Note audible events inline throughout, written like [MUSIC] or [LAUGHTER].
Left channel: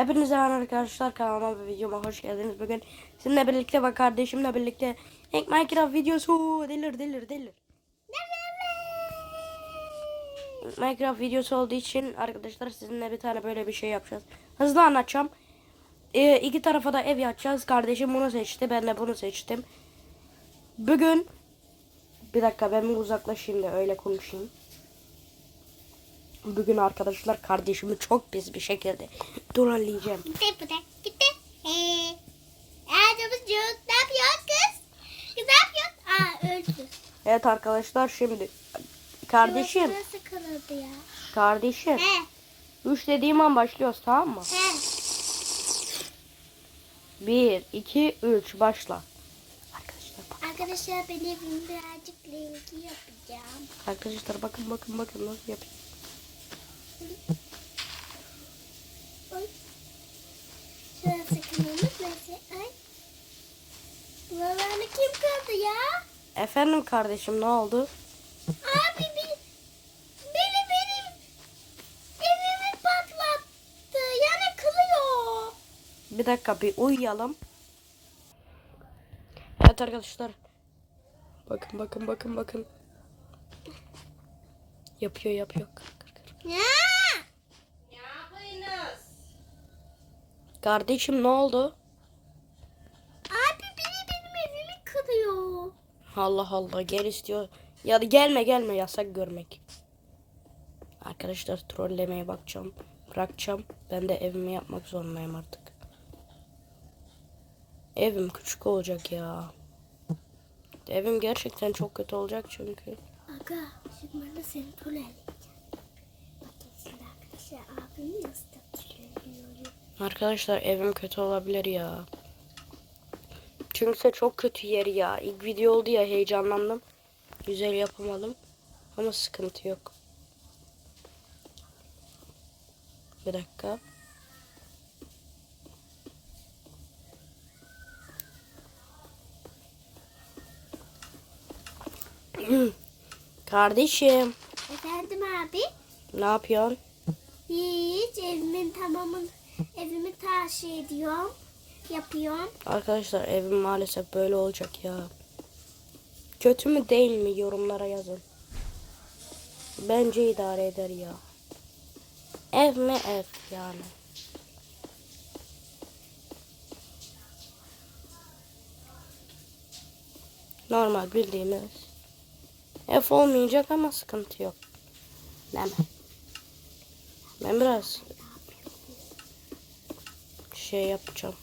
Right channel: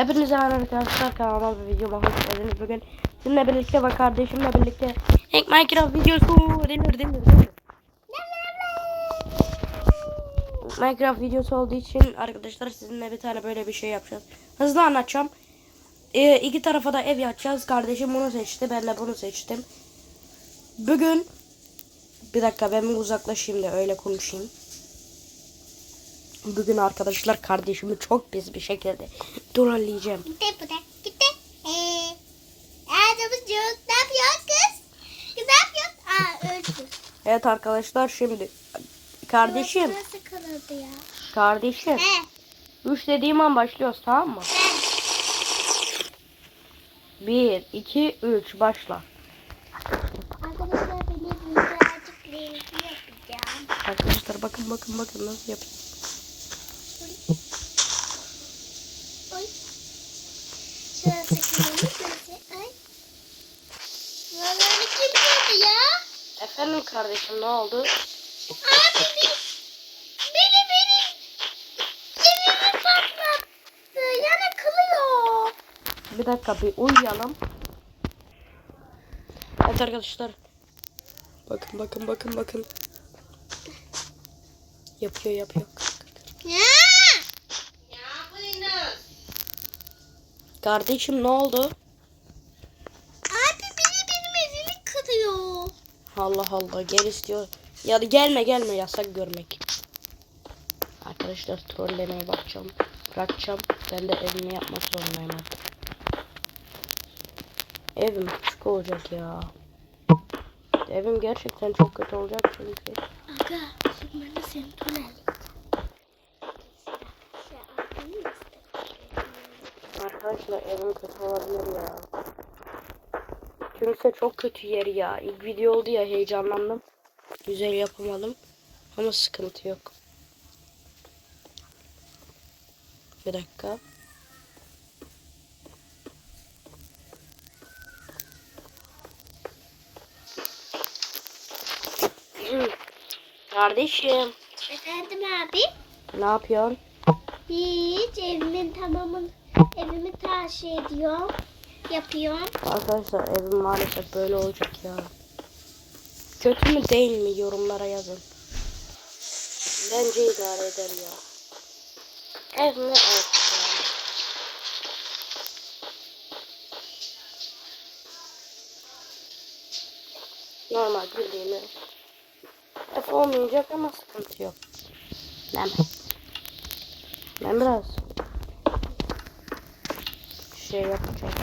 Hepinize merhaba arkadaşlar kanalıma ve videoma hoş geldiniz. Bugün sizinle birlikte ve kardeşimle birlikte Hack Minecraft videosu delir delir delir. Minecraft videosu olduğu için arkadaşlar sizinle bir tane böyle bir şey yapacağız. Hızlı anlatacağım. Ee, iki tarafa da ev yapacağız. Kardeşim bunu seçti. Ben de bunu seçtim. Bugün bir dakika ben bir uzaklaşayım da öyle konuşayım. Bugün arkadaşlar kardeşimi çok pis bir şekilde trolleyeceğim. Gitti bu da. Gitti. Ee, Erdem'in yok. Ne yapıyorsun kız? Kız ne yapıyorsun? Aa öldü. Evet arkadaşlar şimdi kardeşim Nasıl kırıldı ya? kardeşim He. 3 dediğim an başlıyoruz tamam mı? He. 1 2 3 başla. Arkadaşlar benim birazcık renkli yapacağım. Arkadaşlar bakın bakın bakın nasıl yapayım. Şurası kırılmış. Şurası. Ay. Kim kırdı ya? Efendim kardeşim ne oldu? Abi bir, beni beni evimi patlattı. Yani kılıyor. Bir dakika bir uyuyalım. Evet arkadaşlar. Bakın bakın bakın bakın. Yapıyor yapıyor. Ya. Kardeşim ne oldu? Abi beni benim evimi kırıyor. Allah Allah gel istiyor. Ya da gelme gelme yasak görmek. Arkadaşlar trollemeye bakacağım. Bırakacağım. Ben de evimi yapmak zorundayım artık. Evim küçük olacak ya. Evim gerçekten çok kötü olacak çünkü. Aga şimdi ben de seni tunelim. Abimi nasıl Arkadaşlar evim kötü olabilir ya. Çünkü çok kötü yer ya. İlk video oldu ya heyecanlandım. Güzel yapamadım. Ama sıkıntı yok. Bir dakika. [CLEARS THROAT] Kardeşim Efendim abi? ne yapıyorsun? Hiç evimin tamamını evimi taşı ediyorum. Yapıyorum. Arkadaşlar evim maalesef böyle olacak ya. Kötü mü değil mi yorumlara yazın. Bence idare eder ya. Ev mi ev yani. Normal bildiğini. Ev olmayacak ama sıkıntı yok. Ben, ben biraz şey yapacağım.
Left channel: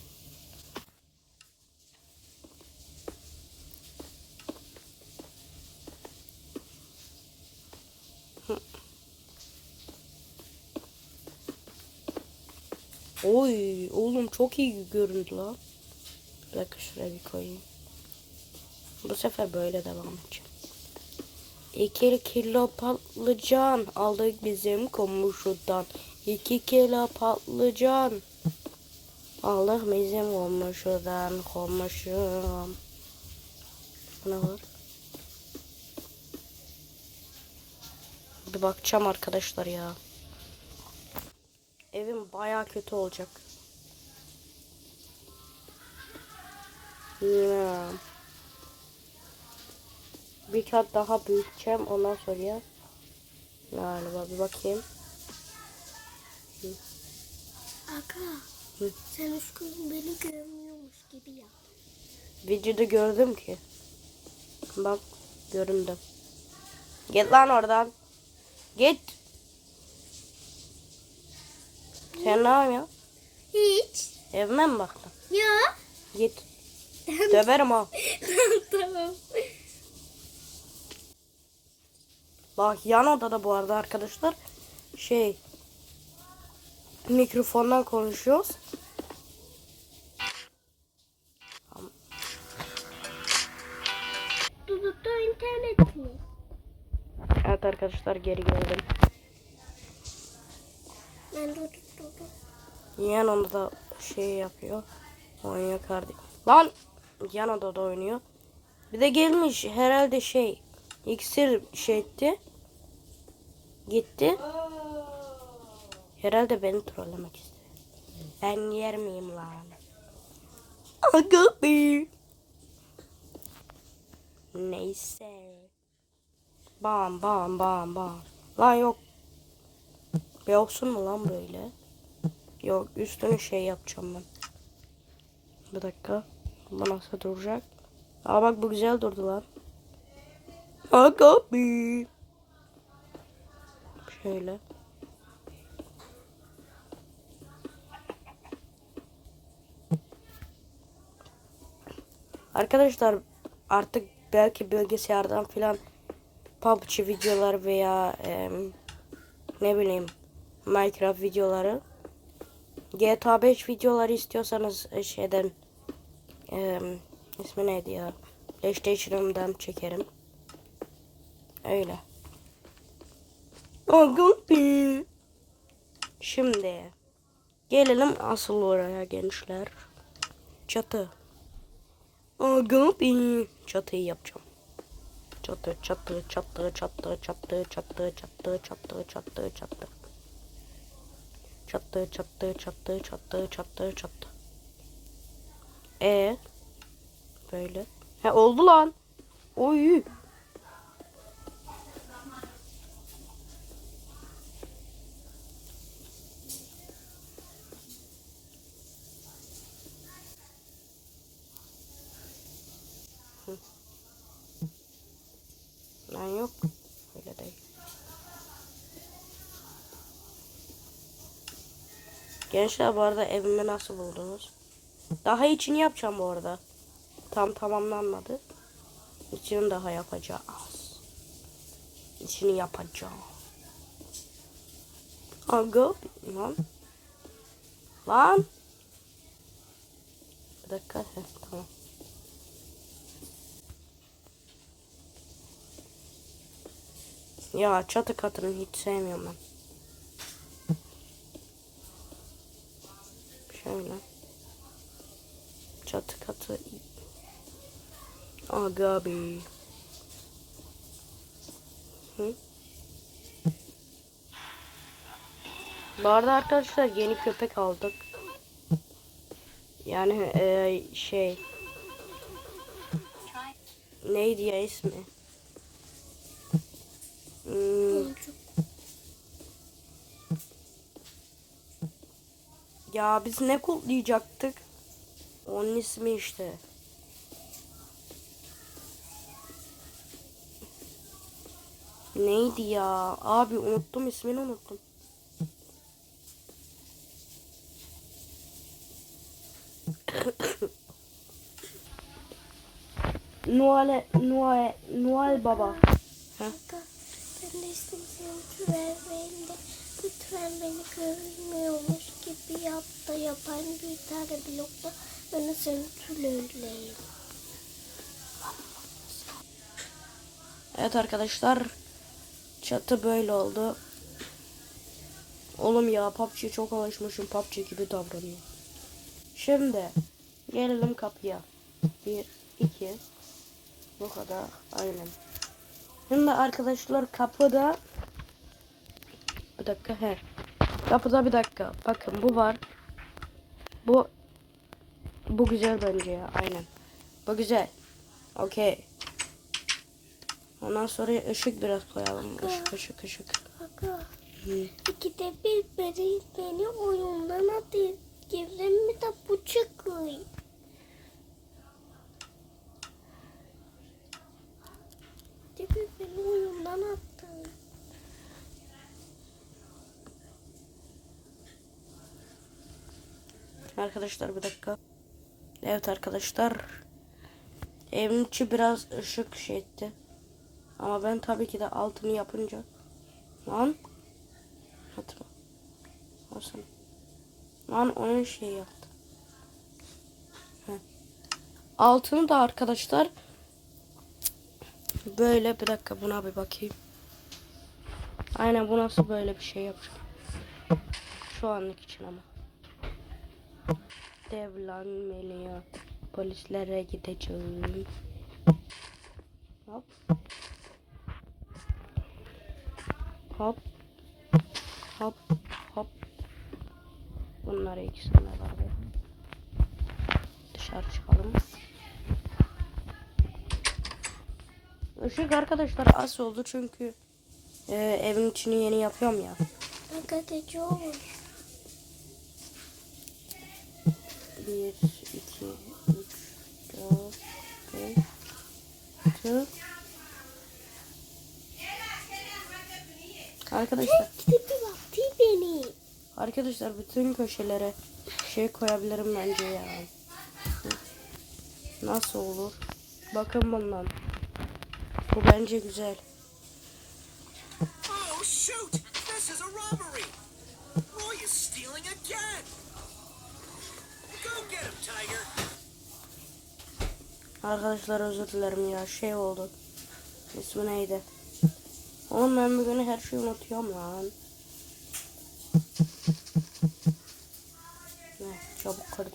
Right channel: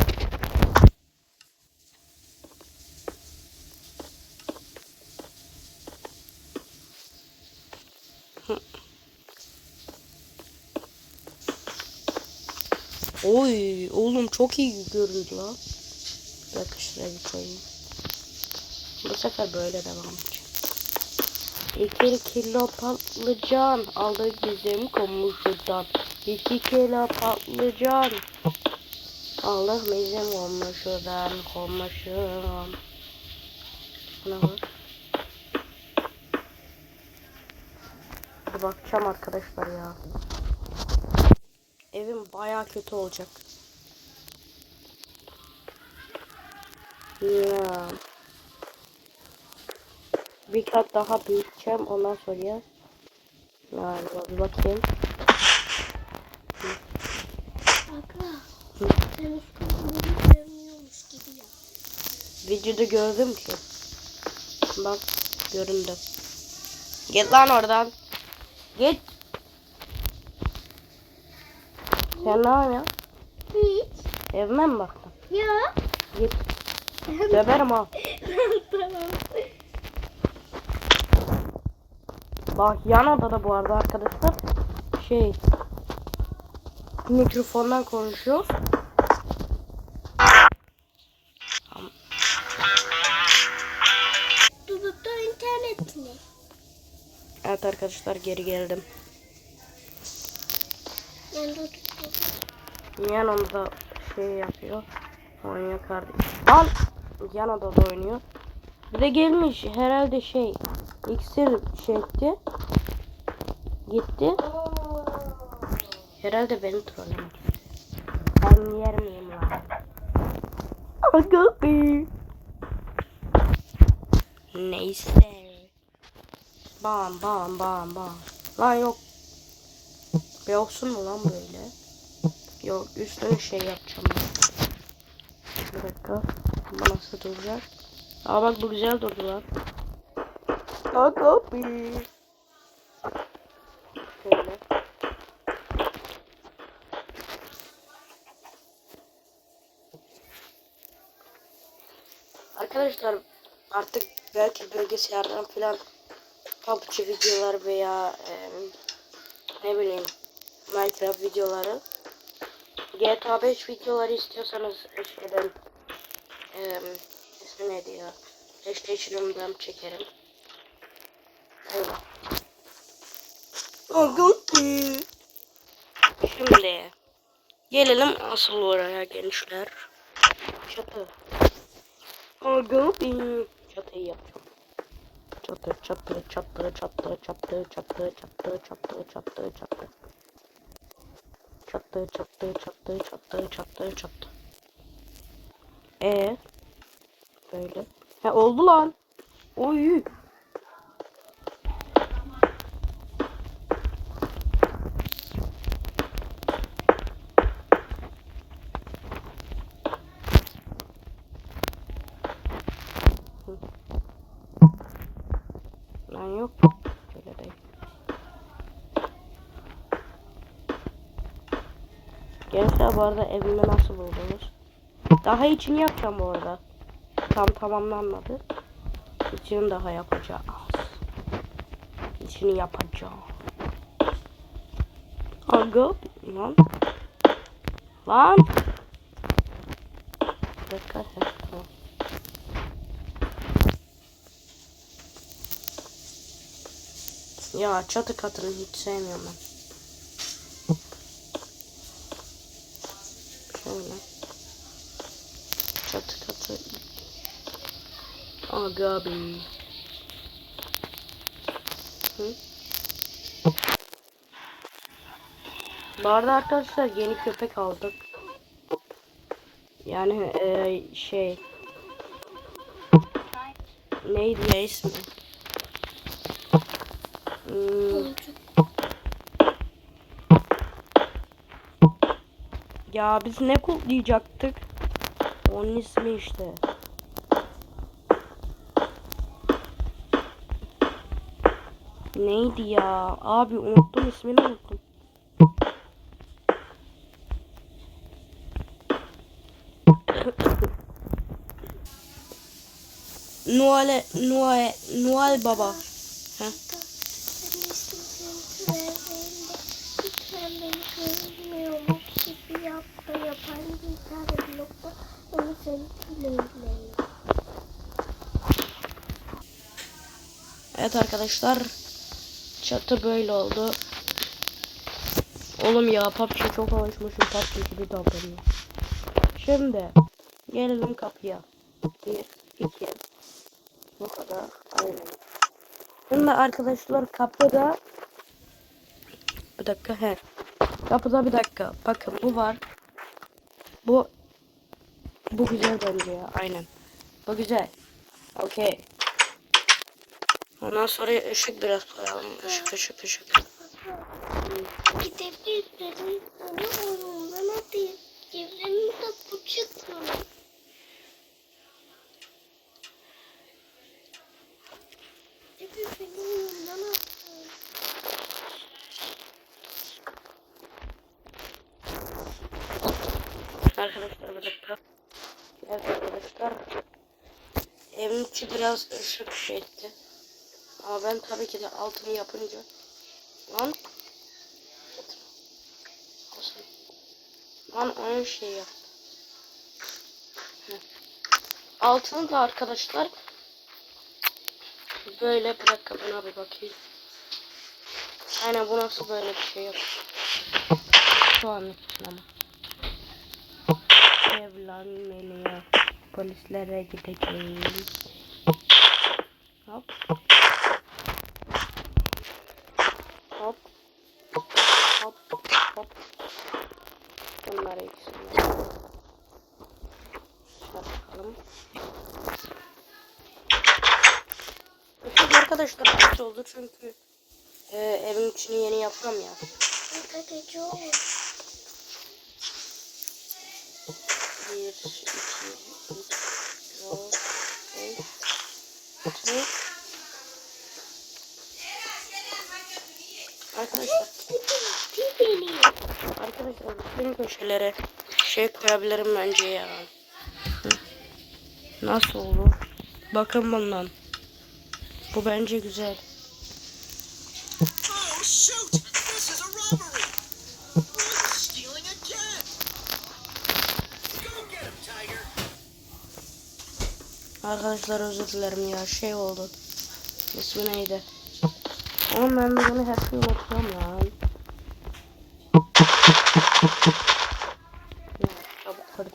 Oy oğlum çok iyi göründü lan. Bir şuraya bir koyayım. Bu sefer böyle devam edecek. İki kilo patlıcan aldık bizim komşudan. İki kilo patlıcan aldık bizim komşudan komşum. Buna bak. Bir bakacağım arkadaşlar ya. Evim baya kötü olacak. Ya. Bir kat daha büyüteceğim ondan sonra. Galiba bir bakayım. Ufkunu beni görmüyormuş gibi yap. Videoda gördüm ki. Bak göründü. Git lan oradan. Git. Sen ne yapıyorsun? Hiç. Evime mi baktın? Ya. Git. Döverim ha. tamam. Bak yan odada bu arada arkadaşlar şey mikrofondan konuşuyoruz. Dudukta internetini. Evet arkadaşlar geri geldim. Ben. Yan odada şey yapıyor. Oynuyor kardeşim. Lan yan odada oynuyor. Bir de gelmiş herhalde şey iksir şey etti. Gitti. Herhalde beni trollemek istiyor. Ben yer miyim lan? Neyse. Bam bam bam bam. Lan yok. Bir olsun mu lan böyle? Yok üstüne şey yapacağım ben. Bir dakika. Bu nasıl duracak? Aa bak bu güzel durdu lan. Aga. Şöyle. Arkadaşlar artık belki bilgisayardan filan PUBG videolar veya em, ne bileyim Minecraft videoları GTA 5 videoları istiyorsanız e, şeyden em, ismi neydi ya PlayStation'ımdan çekerim. Öyle. Aga Şimdi gelelim asıl oraya gençler. Çatı. Aga Çatıyı yapacağım. Çatı çatı çatı çatı çatı çatı çatı çatı çatı çatı. Çatı çatı çatı çatı çatı çatı. E böyle. He oldu lan. Oy. Lan yok. Öyle değil. Gençler bu arada evimi nasıl buldunuz? Daha içini yapacağım bu arada. Tam tamamlanmadı. İçini daha yapacağız. İçini yapacağım. Aga lan. Lan. Bir dakika. heh, Tamam. Ya çatı katını hiç sevmiyorum ben. Şöyle. Çatı katı. Aga be. Hı? Bu arada arkadaşlar yeni köpek aldık. Yani eee, şey neydi ya ismi? Ya biz ne kutlayacaktık? Onun ismi işte. Neydi ya? Abi unuttum ismini unuttum. [COUGHS] Noel Noel Noel Baba. Ha? Ben istedim verdiğinde lütfen beni görmüyormuş gibi yapma yapan bir tane blokta bana Evet arkadaşlar. Çatı böyle oldu. Oğlum ya PUBG çok alışmışım PUBG gibi davranıyor. Şimdi gelelim kapıya. Bir, iki. Bu kadar. Aynen. Şimdi arkadaşlar kapıda bir dakika he. Kapıda bir dakika. Bakın bu var. Bu bu güzel bence ya. Aynen. Bu güzel. Okey. Ondan sonra ışık biraz koyalım. Işık ışık ışık. Bir benim oyundan de bu. Arkadaşlar bir dakika. Evet arkadaşlar. Evin içi biraz ışık etti. Ama ben tabii ki de altını yapınca. Lan. Hatırla. Olsun. Lan oyun şey yaptı. Heh. Altını da arkadaşlar. Böyle bir dakika buna bir bakayım. Aynen bu nasıl böyle bir şey yok. Şu anlık için ama evlenmeliye polislere gideceğim. Hop. Hop. Hop. Hop. Bunları ikisini dışarı çıkalım. Üfük arkadaşlar az oldu çünkü e, evin içini yeni yapıyorum ya. Arkadaşlar 1, 2, 3, 4, 5, 6. Arkadaşlar. Arkadaşlar bütün köşelere şey koyabilirim bence ya. Nasıl olur? Bakın bundan. Bu bence güzel. Arkadaşlar özür dilerim ya şey oldu. İsmi neydi? Oğlum ben bunu her şeyi unutuyorum lan. Ya, çabuk kırdık.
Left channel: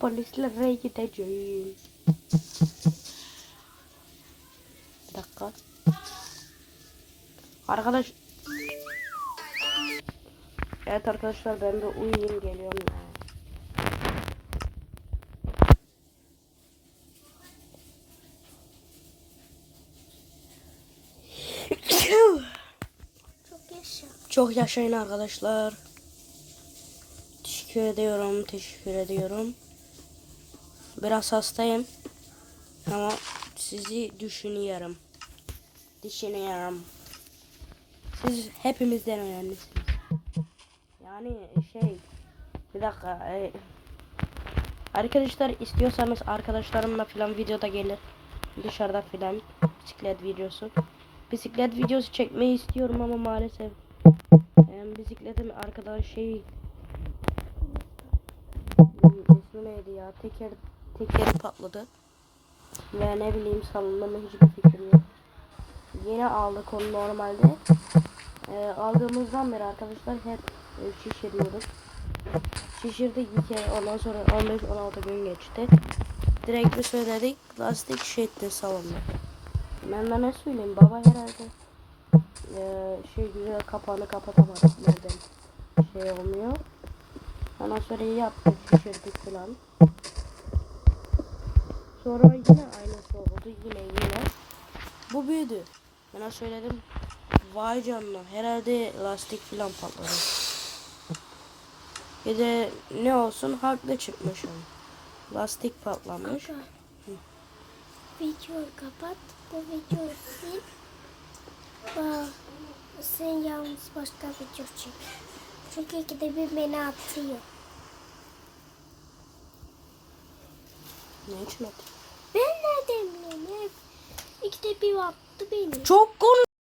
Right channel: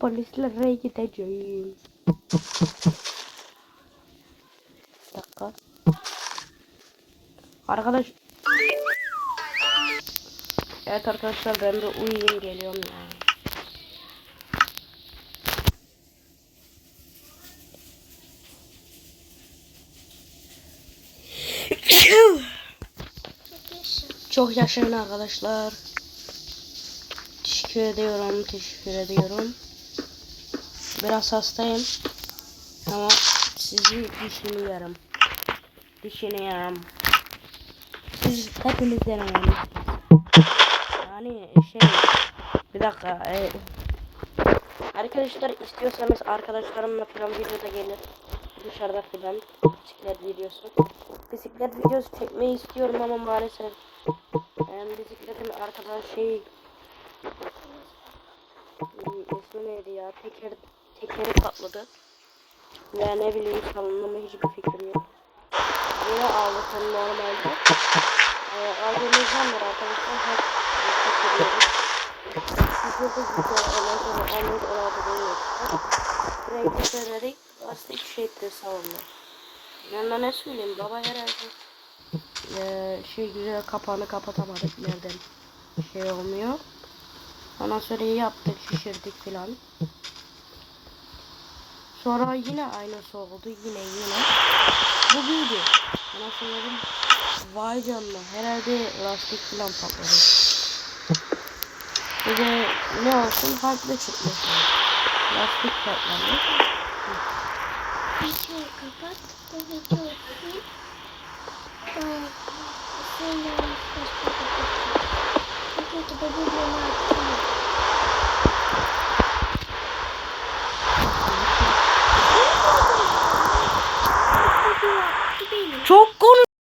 Polislere gideceğim. Bir dakika. Arkadaş. Evet arkadaşlar ben de uyuyayım geliyorum ya. Çok yaşayın arkadaşlar. Teşekkür ediyorum, teşekkür ediyorum. Biraz hastayım. Ama sizi düşünüyorum. Düşünüyorum. Siz hepimizden önemlisiniz. Yani şey, bir dakika. e, arkadaşlar istiyorsanız arkadaşlarımla falan videoda gelir. Dışarıda falan bisiklet videosu. Bisiklet videosu çekmeyi istiyorum ama maalesef yani bisikletin arkada şey ismi neydi ya? Teker tekeri patladı ve ne bileyim mı hiçbir fikrim yok. Yine onu normalde. Ee, aldığımızdan beri arkadaşlar hep e, çekiliyoruz bir kere ondan sonra 15-16 gün geçti. Direkt bir söyledik lastik şey etti savundu. Ben de ne söyleyeyim? Baba herhalde ee, şey güzel kapağını kapatamadık nereden şey olmuyor. Ondan sonra yaptık şişirdik filan. Sonra yine aynısı oldu yine yine. Bu büyüdü. Ona söyledim. Vay canına herhalde lastik filan patladı. Bir de ne olsun haklı çıkmasın. Lastik patlamış. Videoyu kapat. Bu videoyu sil. Ee, sen yalnız başka video çek. Çünkü ki de bu beni atıyor. İşte bir beni. Çok konuş.